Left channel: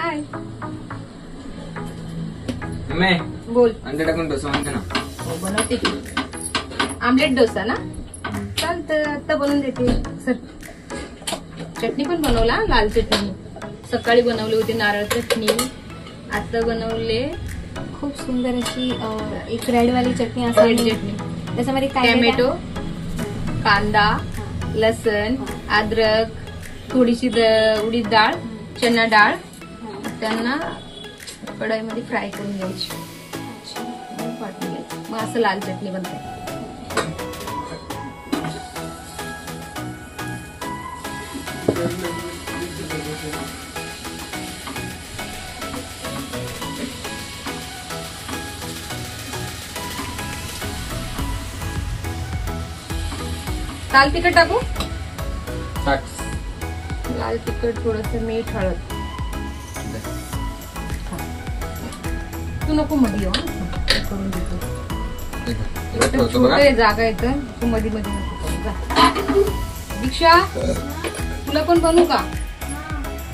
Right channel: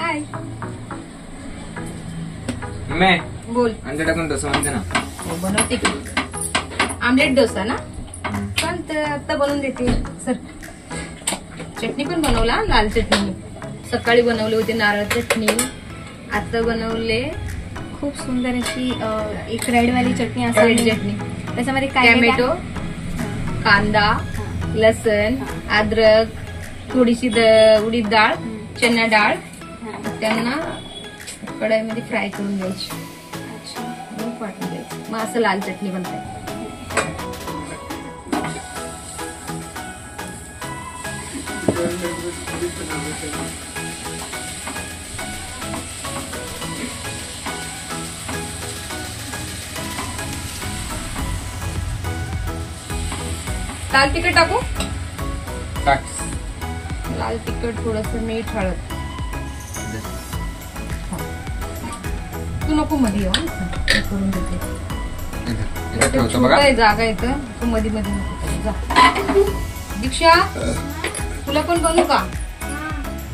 हाय मैं बोल. अंडे टाकून डोसा म्हणते ना. हो, बनवते की आमलेट डोसा ना. चालतं, आता बनवून देते. सर चटणी पण बनवला, लाल चटणी. सकाळी बनवले होते नारळ चटणी, आता बनवले खूप सुंदर अशी एक रेडवाली चटणी असते. रेड चटणी. त्याच्यामध्ये काय टॅमॅटो, कांदा, लसण, अद्रक, थोडीशी उडीद डाळ, चना डाळ, त्यांना कढईमध्ये फ्राय करून घ्यायची. मग वाटून घ्यायची. मग असं लाल चटणी बनते. लाल तिखट टाकू. टाक. लाल तिखट, थोडस मीठ, हळद. तू नको मध्ये येऊ. करून देते. छोटा जागा येतं, तू मध्ये मध्ये नको जा. दीक्षा, तुला पण बनवू का?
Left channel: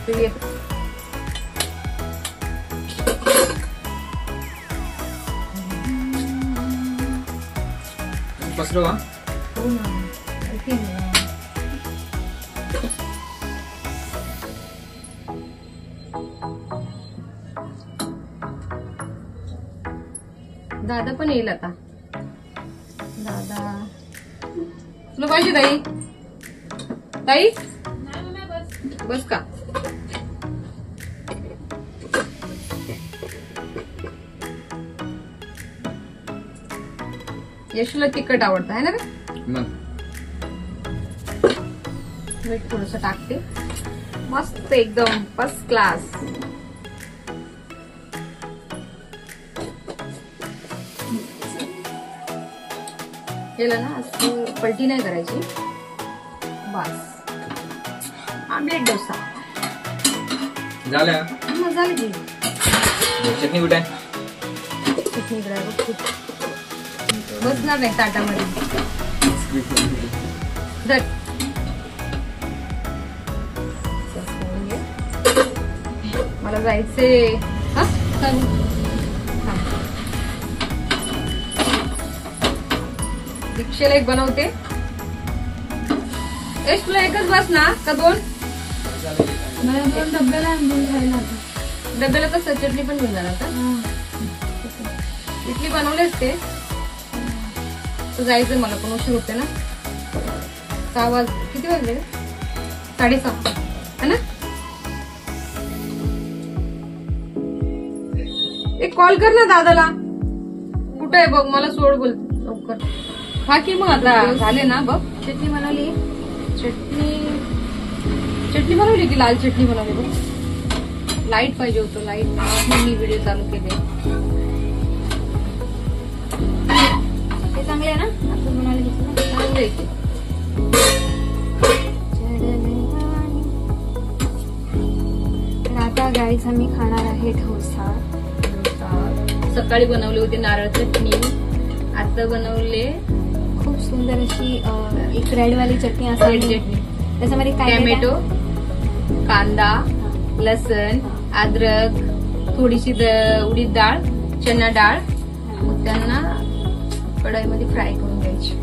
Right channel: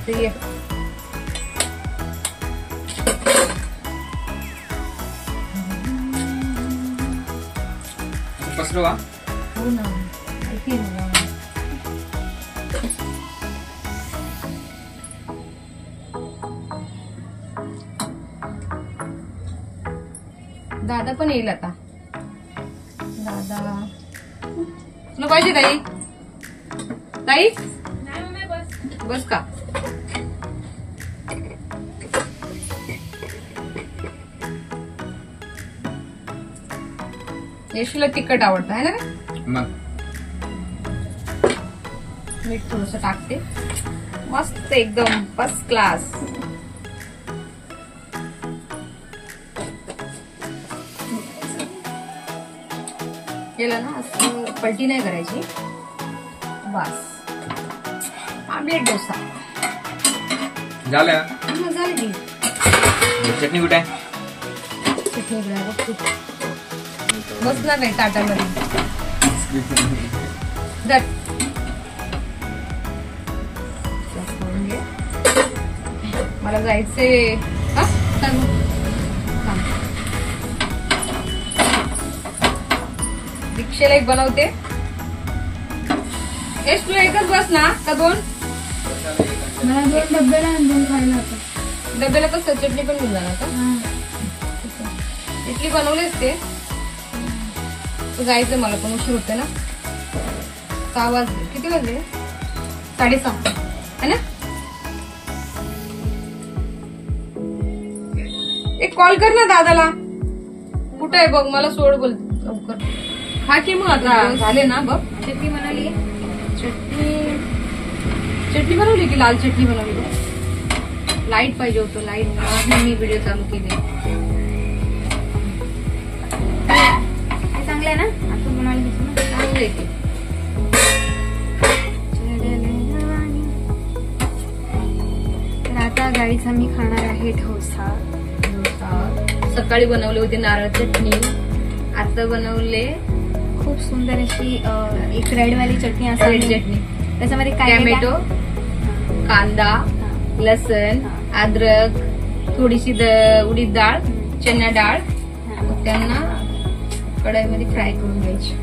ते ये. पसरवा. हो ना. दादा पण येईल आता. दादा तुला पाहिजे ताई? ताई बस का? यशूला तिखट आवडतं आहे ना रे. मीठ थोडस टाकते. मस्त एकदम फर्स्ट क्लास. केलं ना असं, पलटी नाही करायची. बस आमलेट डोसा झालं. झालं की. चटणी कुठे आहे? चटणी इकडे बघ. बसणार नाही ताटामध्ये. मला जायचे. हा दीक्षेला एक बनवते. यश तुला एकच बस ना का दोन? मला 2 डब्याला आणि 2 खायला होते. डब्याला कसं चटणी पण घेऊन जाणार का? इडली बनवलीच ते. जायचं मला पण, उशीर होते ना. 6 वाजले. किती वाजले? 6:30 है ना. एक कॉल कर ना दादाला. कुठं आहे बघ, मला सोड बोल लवकर. हा की मग आता झाले ना बघ. चटणी बनवली. चटणी बनवली की लाल चटणी बनवली बघ. लाईट पाहिजे होतं. लाईट मी व्हिडिओ चालू केले. ते चांगलं आहे ना. असं बनवायला घेतलं ना. चांगलं आहे ते. तर आता गाईच आम्ही खाणार आहे डोसा. सकाळी बनवले होते नारळ चटणी, आता बनवले खूप सुंदर अशी एक रेडवाली चटणी असते. रेड चटणी. त्याच्यामध्ये टॅमॅटो, कांदा, लसण, अद्रक, थोडीशी उडीद डाळ, चना डाळ, त्यांना कढईमध्ये फ्राय करून घ्यायची.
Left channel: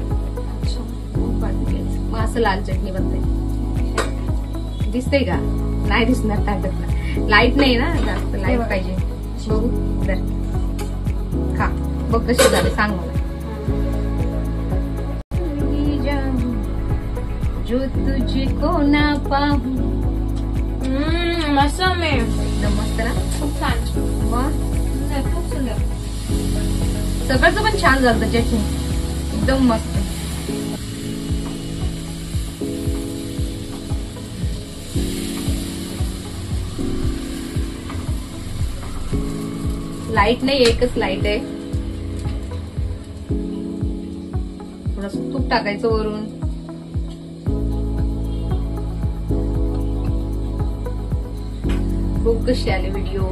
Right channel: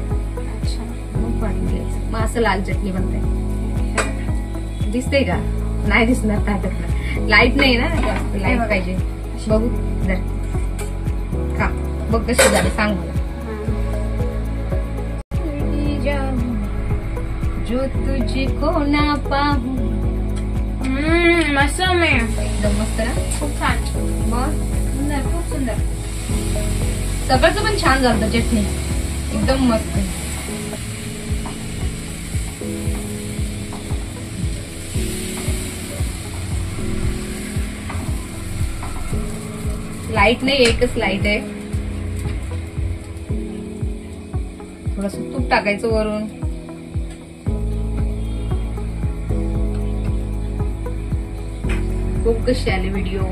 मग वाटून घ्यायचं. मग असं लाल चटणी बनते. दिसतंय का? नाही दिसणार ताटात. लाईट नाही ना, जास्त लाईट पाहिजे. बघू जर का बघ कशी झाली सांग मला. जो तुझको ना पाहू. मस्त. एकदम मस्त ना. खूप छान. मग सुंदर, खूप सुंदर. सगळंच पण छान झालं. चटणी एकदम मस्त. लाईट नाही, एकच लाईट आहे. थोडस तूप टाकायचं वरून. खूप कशी आले व्हिडिओ.